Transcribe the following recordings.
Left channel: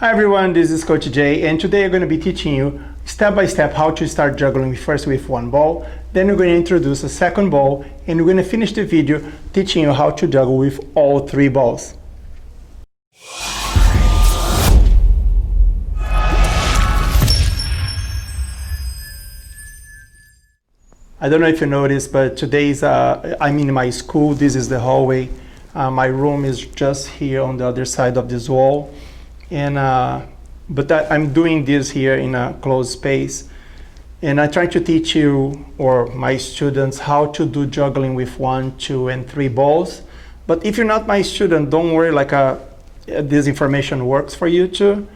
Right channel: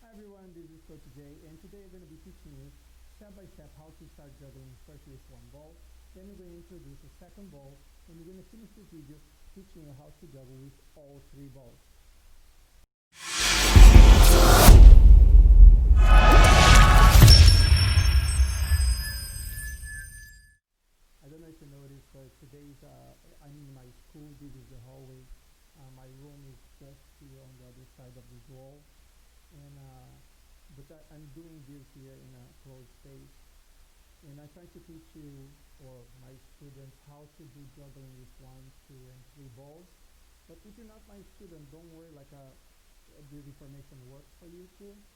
Hi everyone, this is Coach Jay, and today I'm going to be teaching you step by step how to start juggling first with one ball, then we're going to introduce a second ball, and we're going to finish the video teaching you how to juggle with all three balls. I don't know if you noticed, but today's I'm in my school. This is the hallway. My room is just here on the other side of this wall. And I'm doing this here in a closed space, and I try to teach you or my students how to do juggling with 1, 2, and 3 balls. But if you're not my student, don't worry, this information works for you too.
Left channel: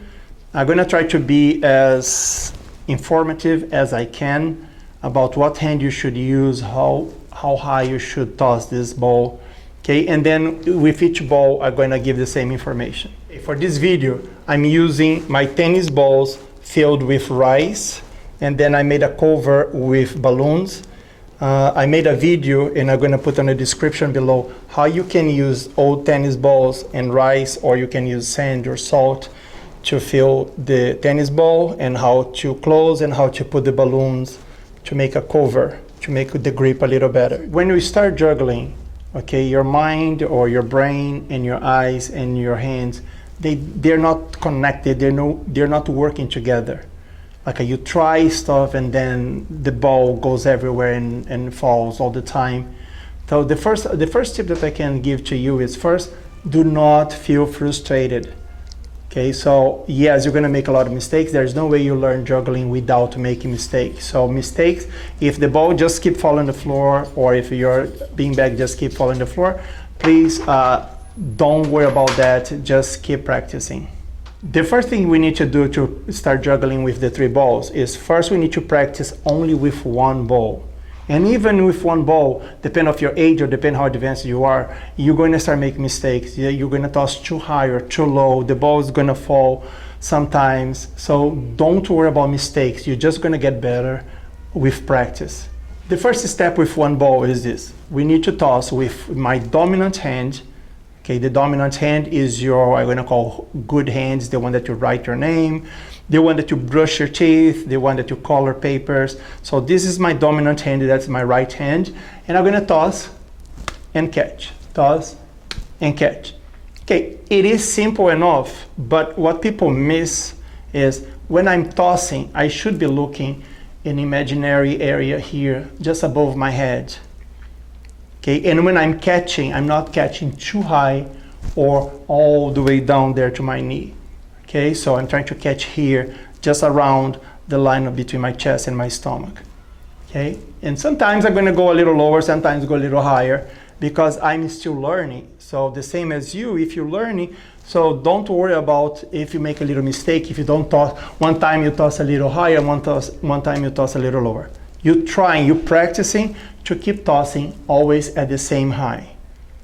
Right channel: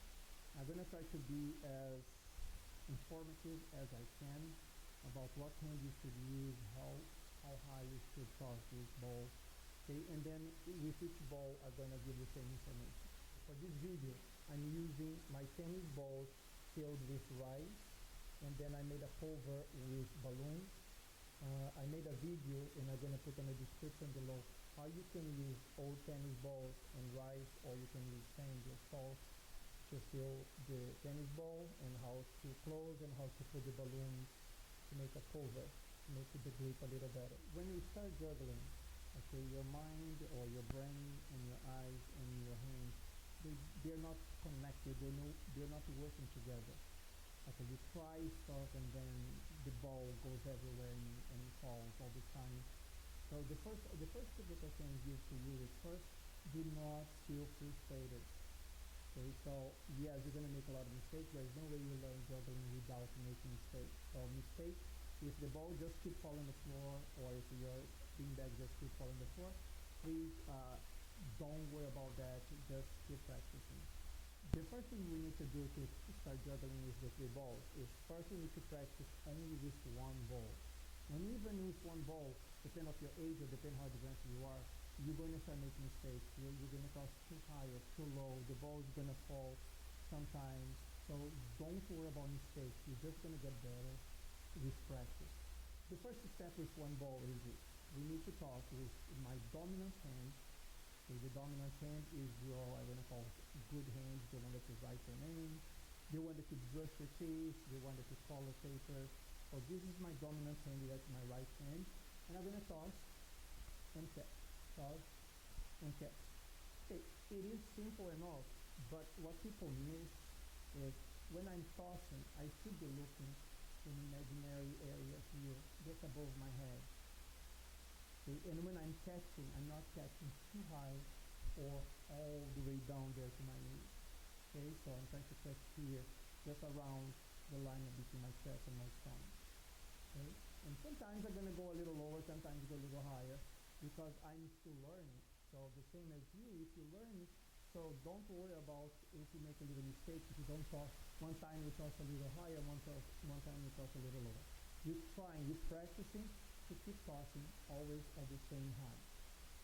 I'm gonna try to be as informative as I can about what hand you should use, how high you should toss this ball, okay? And then with each ball, I'm gonna give the same information. For this video, I'm using my tennis balls filled with rice, and then I made a cover with balloons. I made a video, and I'm gonna put in the description below how you can use old tennis balls and rice, or you can use sand or salt to fill the tennis ball, and how to close and how to put the balloons to make a cover, to make the grip a little better. When you start juggling, okay, your mind or your brain and your eyes and your hands, they're not connected, they're not working together. Like you try stuff and then the ball goes everywhere and falls all the time. So the first tip that I can give to you is, first, do not feel frustrated. Okay, so yes, you're gonna make a lot of mistakes. There's no way you learn juggling without making mistakes. So mistakes, if the ball just keep falling on the floor, or if your beanbag just keep falling on the floor, please don't worry about that, just keep practicing. The first thing we need to do to start juggling with the 3 balls is, first we need to practice only with one ball. And even with one ball, depending on your age or depending how advanced you are, you're going to start making mistakes. You're going to toss too high or too low. The ball is going to fall sometimes. So don't worry about mistakes. You're just going to get better with practice. The first step with one ball is this. We need to toss with my dominant hand. Okay, the dominant hand is your, I'm gonna call good hands, the one that you write your name, the one that you brush your teeth, the one that you color papers. So this is my dominant hand, that's my right hand. And I'm gonna toss and catch, toss and catch. Okay, it is simple enough, but what people miss is when I'm tossing, I should be looking in imaginary area here, just above my head. Okay, and when I'm catching, I'm not catching too high or all the way down there to my knee. Okay, so I'm trying to catch here, just around the line between my chest and my stomach. Okay, and sometimes I'm gonna go a little lower, sometimes go a little higher, because I'm still learning. So the same as you, if you're learning, so don't worry about if you make a little mistake, if you don't toss, one time you toss a little higher, one time you toss a little lower. You're trying, you're practicing to keep tossing always at the same high.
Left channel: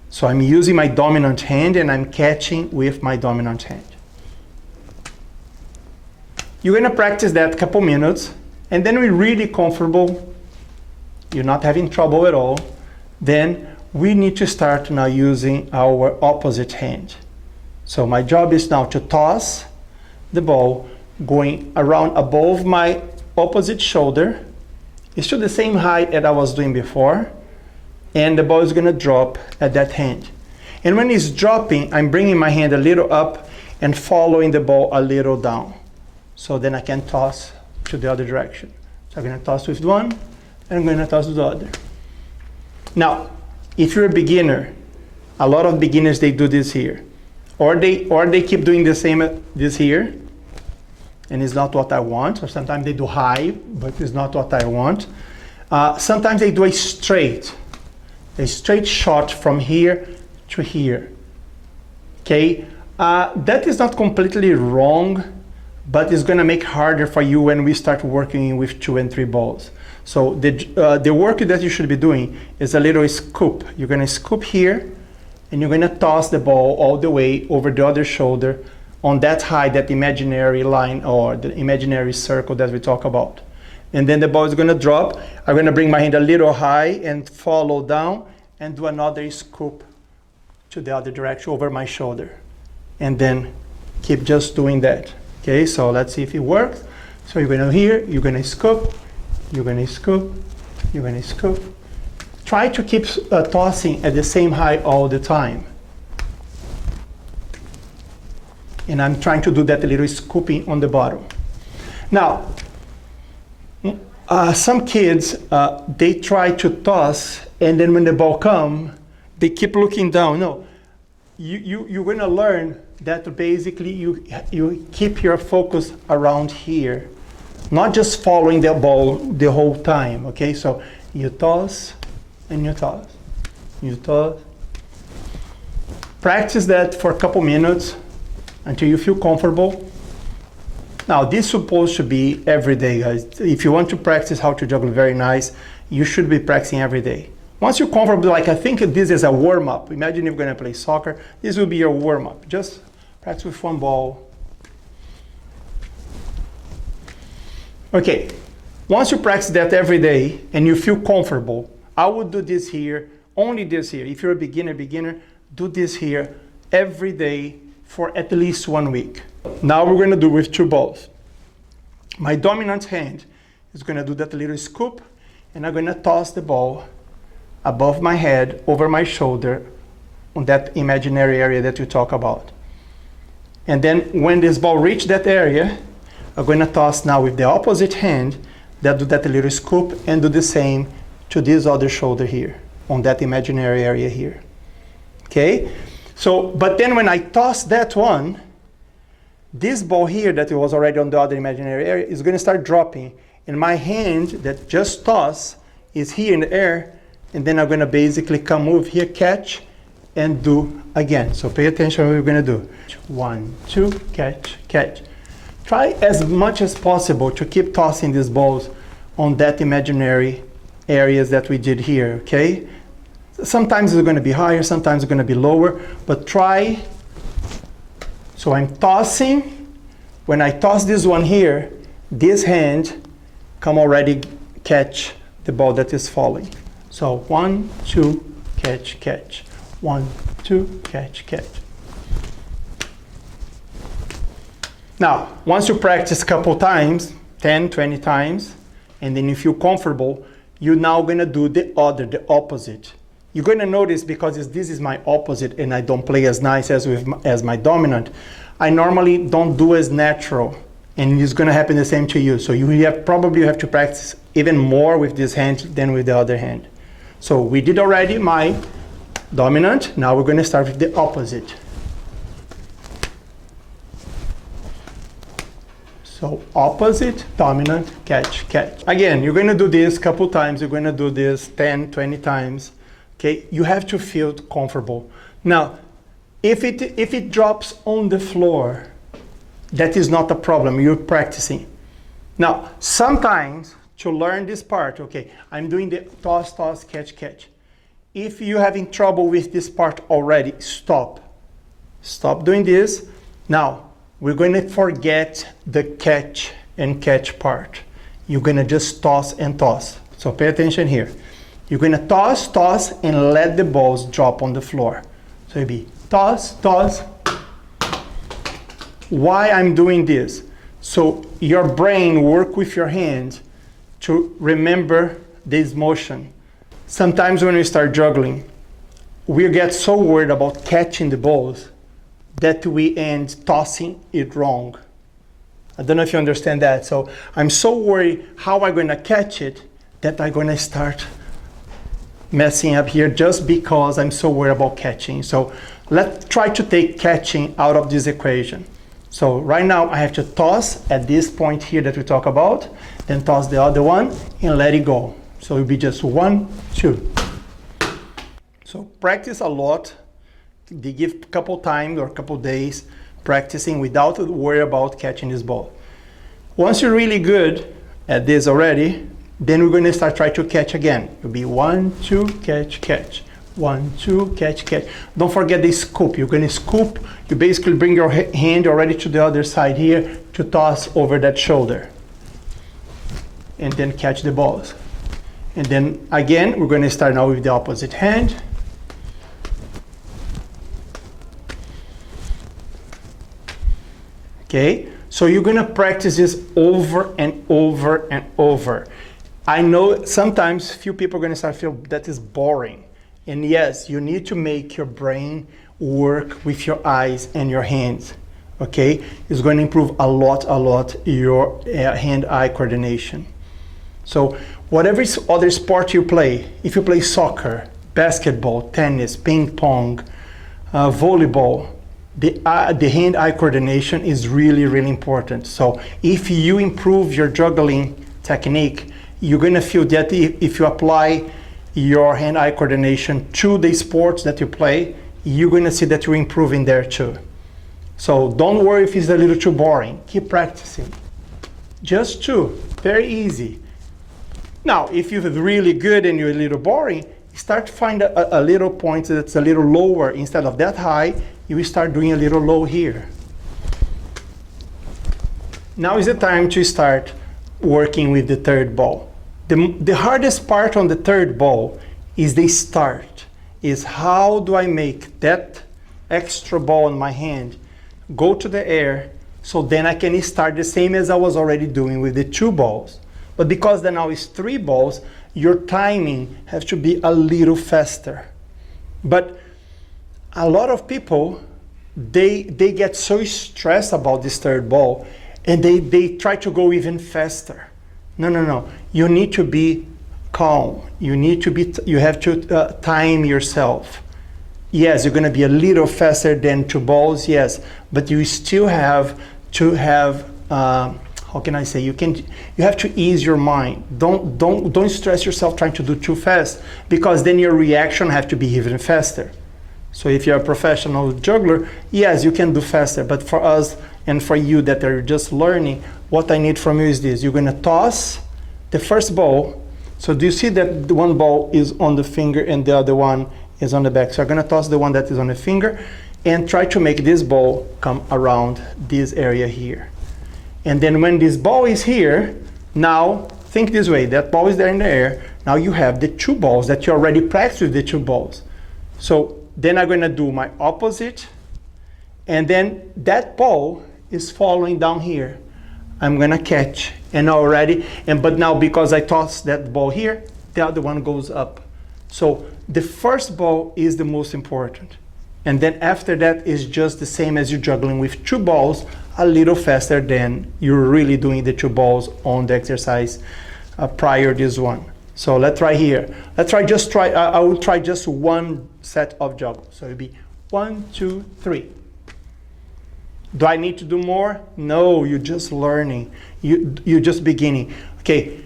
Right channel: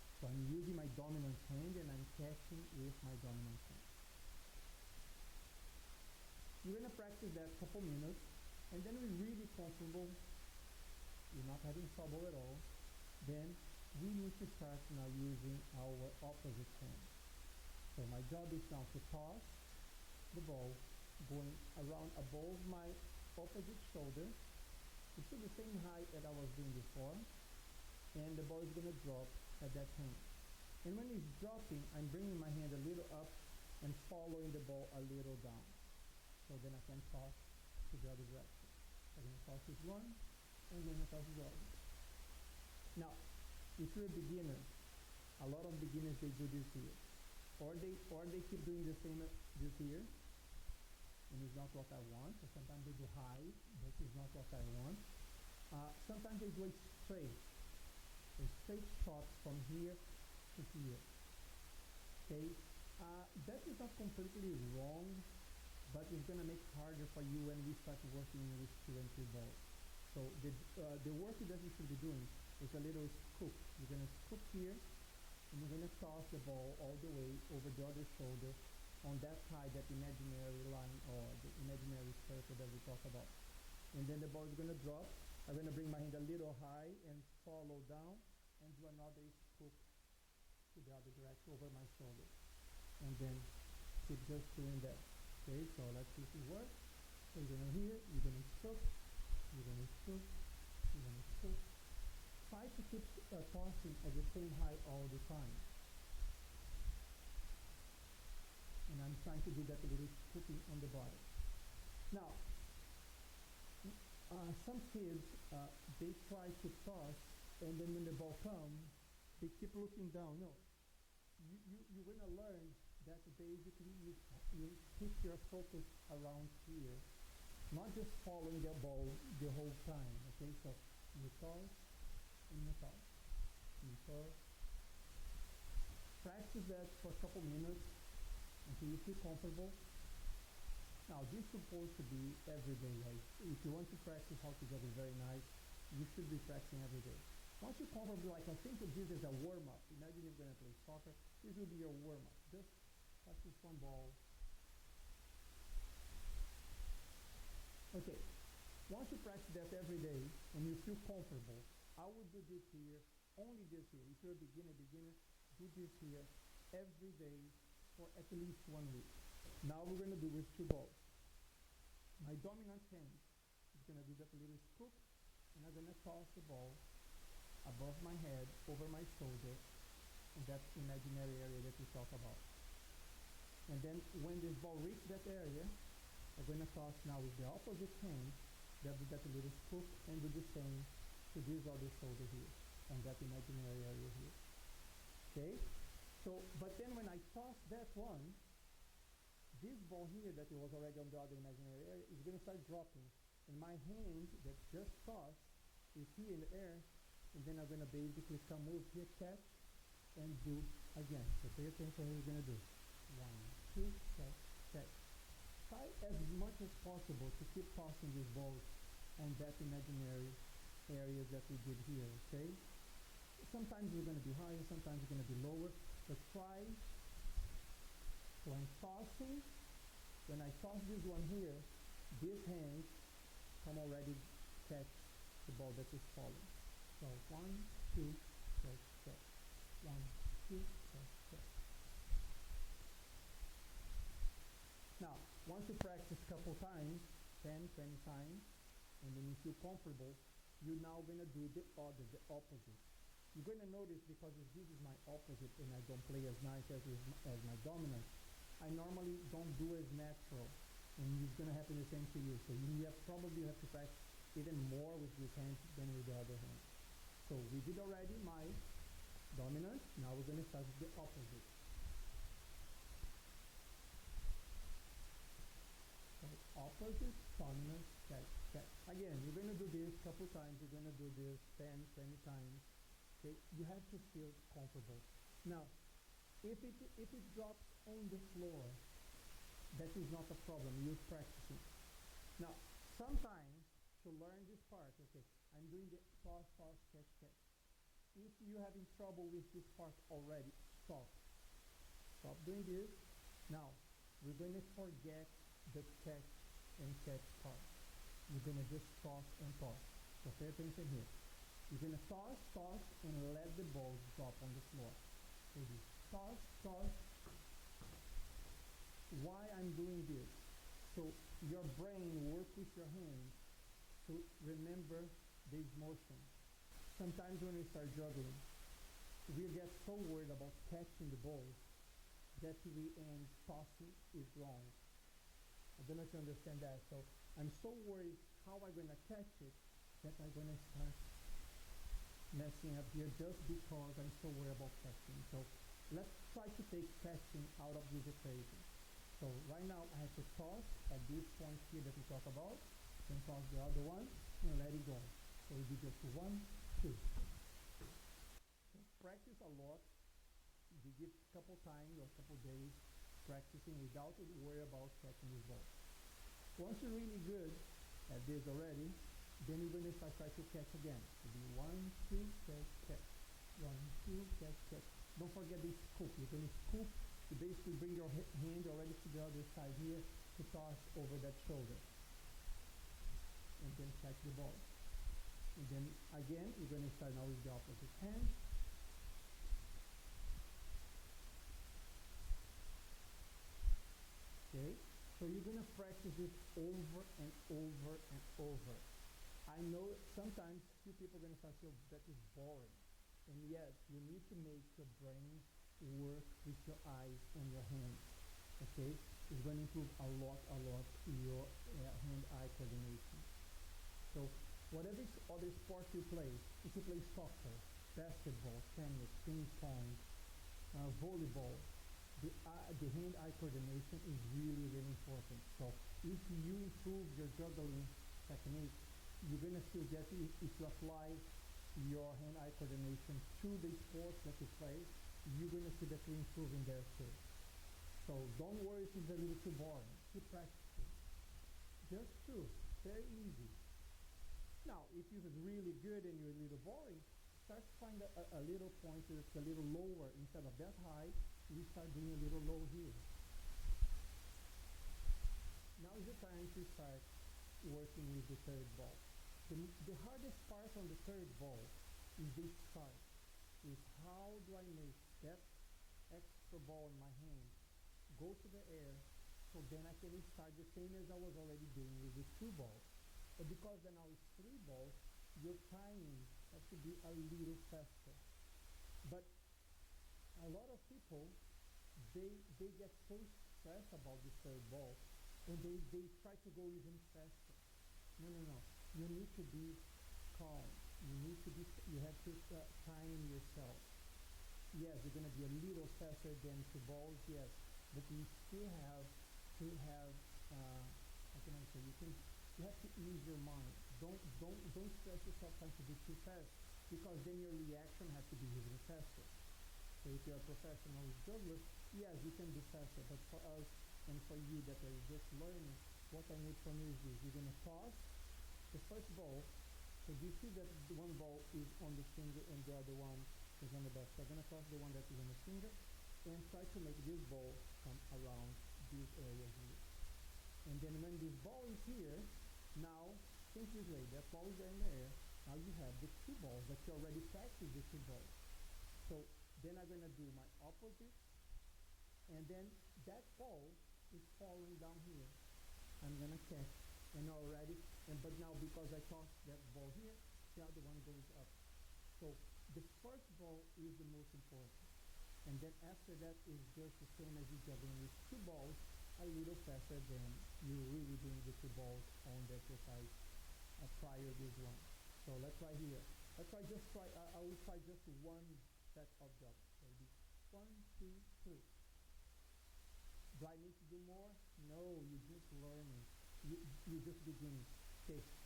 So I'm using my dominant hand and I'm catching with my dominant hand. You're gonna practice that a couple minutes, and then we're really comfortable, you're not having trouble at all, then we need to start now using our opposite hand. So my job is now to toss the ball going around above my opposite shoulder. It's still the same height that I was doing before, and the ball is gonna drop at that hand. And when it's dropping, I'm bringing my hand a little up and following the ball a little down. So then I can toss to the other direction. So I'm gonna toss with one, and I'm gonna toss with the other. Now, if you're a beginner, a lot of beginners, they do this here. Or they keep doing the same, this here, and it's not what I want, or sometimes they do high, but it's not what I want. Sometimes they do a straight shot from here to here, okay? That is not completely wrong, but it's gonna make it harder for you when we start working with 2 and 3 balls. So the work that you should be doing is a little scoop. You're gonna scoop here, and you're gonna toss the ball all the way over the other shoulder, on that high, that imaginary line or the imaginary circle that we talk about. And then the ball is gonna drop. I'm gonna bring my hand a little high and follow down and do another scoop to the other direction over my shoulder. And then Keep just doing that. Okay, so let's see if it works. So you're gonna here, you're gonna scoop, you're gonna scoop, you're gonna scoop. Try to keep tossing at the same height all the time. And I'm trying to do that little scooping on the bottom. Now, some kids, they try to toss, and then when the ball comes, they keep looking down. No, you're gonna learn that basically you keep your focus around here, not just following the ball the whole time, okay? So you toss and you toss, you toss. Practice that for a couple minutes until you feel comfortable. Now this is supposed to be every day, guys. If you want to practice how to juggle very nice, you should be practicing every day. Once you're comfortable, like I think this is a warm-up. Imagine if you're gonna play soccer, this will be your warm-up. Just practice with one ball. Okay, once you practice that every day and you feel comfortable, I would do this here, only this here. If you're a beginner, do this here every day for at least 1 week. Now we're gonna do with 2 balls. My dominant hand is gonna do that little scoop, and I'm gonna toss the ball above my head, over my shoulder, on that imaginary area that you talk about. And then when this ball reaches that area, I'm gonna toss now with the opposite hand, that do that little scoop, and do the same to this other shoulder here, on that imaginary area here. Okay? So, but then when I toss that one, this ball here that was already on the other imaginary area is gonna start dropping. And my hand that just tossed is here in the air, and then I'm gonna basically come over here, catch, and do again. So pay attention what we're gonna do. 1, 2, catch, catch. Try as much as possible to keep tossing these balls on that imaginary areas that we did here, okay? Sometimes it's gonna be higher, sometimes it's gonna be lower, but try. So I'm tossing. When I toss this one here, this hand come already catch the ball that is falling. So 1, 2, catch, catch. 1, 2, catch, catch. Now, once you practice a couple times, 10, 20 times, and then you feel comfortable, you're now gonna do the opposite. You're gonna notice, because this is my opposite and I don't play as nice as my dominant, I normally don't do as natural, and it's gonna happen the same to you. So you probably have to practice even more with this hand than with the other hand. So we did already my dominant, now we're gonna start with the opposite. So opposite, dominant, catch, catch. Again, you're gonna do this a couple times, you're gonna do this 10, 20 times. Okay, you have to feel comfortable. Now, if it drops on the floor, that is not a problem, you're practicing. Now, sometimes to learn this part, okay, I'm doing the toss, toss, catch, catch. If you're having trouble with this part already, stop. Stop doing this. Now, we're going to forget the catch and catch part. You're going to just toss and toss. So pay attention here. You're going to toss, toss, and let the balls drop on the floor. So it'll be toss, toss. Why I'm doing this? So your brain work with your hands to remember this motion. Sometimes when we start juggling, we get so worried about catching the balls that we end tossing it wrong. I don't know if you understand that. So I'm so worried how I'm gonna catch it that I'm gonna start messing up here just because I'm so worried about catching. So let's try to take catching out of this equation. So right now I have to toss at this point here that we talk about, then toss the other one and let it go. So it'll be just 1, 2. So practice a lot. They give a couple times or a couple days practicing without worry about catching this ball. Once you're really good at this already, then we're going to start trying to catch again. It'll be 1, 2, catch, catch. 1, 2, catch, catch. Don't forget the scoop. You're going to scoop. You basically bring your hand already to the other side here to toss over that shoulder. And then catch the balls. And then again, we're going to start now with the opposite hand. Okay, so you're gonna practice this over and over and over. I know sometimes few people are gonna start to feel that is boring. And yes, you need to make your brain work with your eyes and your hands. Okay, it's going to improve a lot your hand-eye coordination. So whatever other sport you play, if you play soccer, basketball, tennis, ping pong, volleyball, the hand-eye coordination is really important. So if you improve your juggling technique, you're going to feel that if you apply your hand-eye coordination to the sports that you play, you're going to see that you're improving there too. So don't worry if it's a little too boring. Keep practicing. Just two, very easy. Now, if you're really good and you're a little boring, start to find a little point that's a little lower. Instead of that high, you will start doing a little low here. Now is the time to start working with the third ball. The hardest part on the third ball is the start, is how do I make that extra ball in my hand go to the air, so then I can start the same as I was already doing with the two balls. But because then now it's three balls, your timing has to be a little faster. But a lot of people, they get so stressed about this third ball, and they try to go even faster. No. You need to be calm. You have to time yourself. Yes, you're going to be a little faster than two balls, yes, but you still have to have, how can I say, you have to ease your mind. Don't stress yourself trying to do too fast, because then your reaction have to be even faster. So if you're a professional juggler, yes, you can do faster, but for us and for you that are just learning, what I need from you is this. You're going to toss the first ball. So do you see that the one ball is on the finger and the other one is on the back? So I'm going to toss the one that is on the finger and try to make this ball come around this area here. And then when this ball is here, now think this way, that ball is there in the air. Now you have the two balls that you already practiced with the two balls. So then I'm going to do my opposite, and then that ball is falling down here. I'm going to catch, but now because I tossed that ball here, the other one goes up. So the first ball is the most important. And then after that is just the same as you're juggling with two balls, a little faster than you're really doing the two balls on the exercise prior this one. So let's try here. I will try just one set of juggles. So it'll be 1, 2, 3. Do I need to do more? No, you're just learning. You're just beginning. Okay,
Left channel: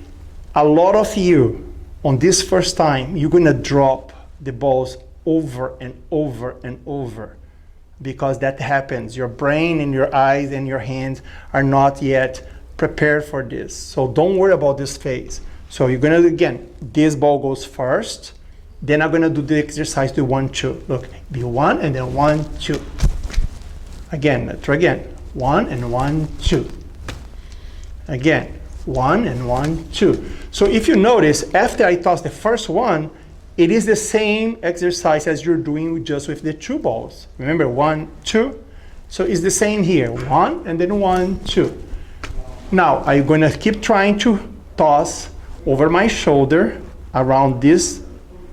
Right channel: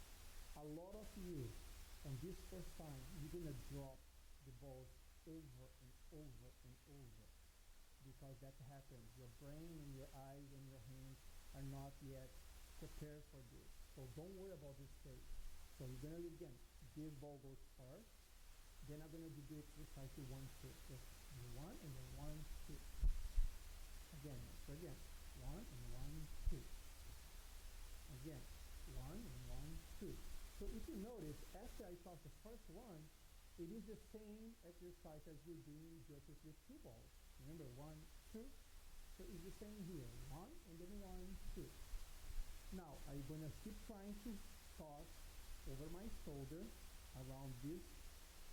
a lot of you, on this first time, you're gonna drop the balls over and over and over, because that happens. Your brain and your eyes and your hands are not yet prepared for this. So don't worry about this phase. So you're gonna, again, this ball goes first, then I'm gonna do the exercise to 1, 2. Look, be 1 and then 1, 2. Again, let's try again. 1 and 1, 2. Again, 1 and 1, 2. So if you notice, after I toss the first one, it is the same exercise as you're doing just with the two balls. Remember, 1, 2. So it's the same here. 1 and then 1, 2. Now, I'm going to keep trying to toss over my shoulder around this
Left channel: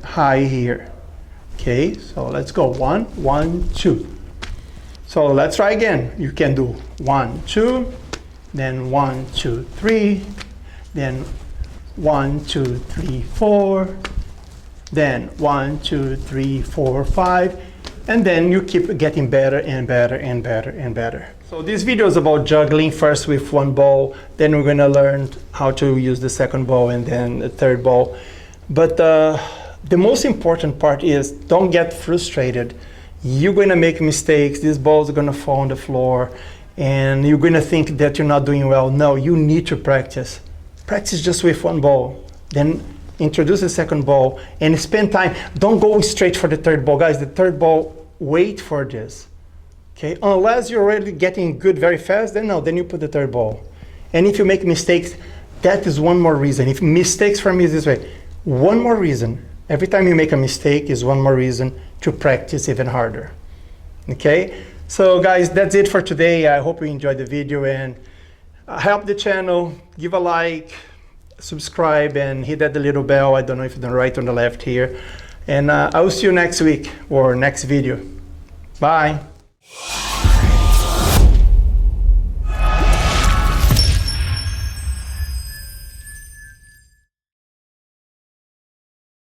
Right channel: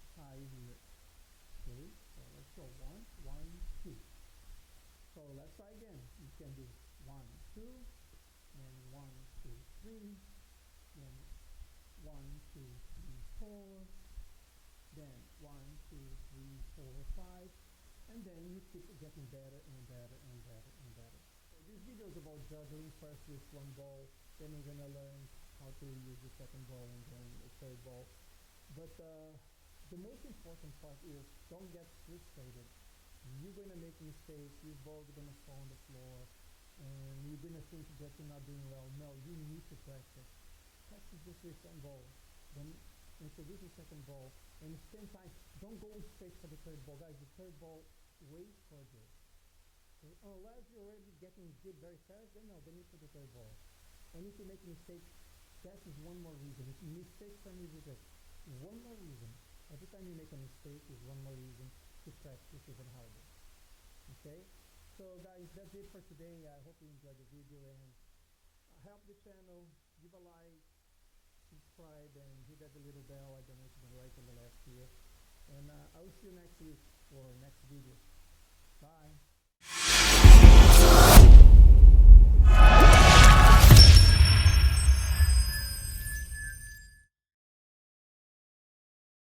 high here. Okay, so let's go. 1, 1, 2. So let's try again. You can do 1, 2, then 1, 2, 3, then 1, 2, 3, 4, then 1, 2, 3, 4, 5, and then you keep getting better and better and better and better. So this video is about juggling, first with one ball, then we're gonna learn how to use the second ball and then the third ball. But the most important part is don't get frustrated. You're gonna make mistakes, these balls are gonna fall on the floor, and you're gonna think that you're not doing well. No, you need to practice. Practice just with one ball, then introduce the second ball and spend time. Don't go straight for the third ball. Guys, the third ball, wait for this. Okay, unless you're already getting good very fast, then no, then you put the third ball. And if you make mistakes, that is one more reason. If mistakes for me is this way, one more reason. Every time you make a mistake is one more reason to practice even harder. Okay, So guys, that's it for today. I hope you enjoyed the video, and help the channel, give a like, subscribe, and hit that little bell. I don't know if it's on the right or the left here. And I will see you next week or next video. Bye.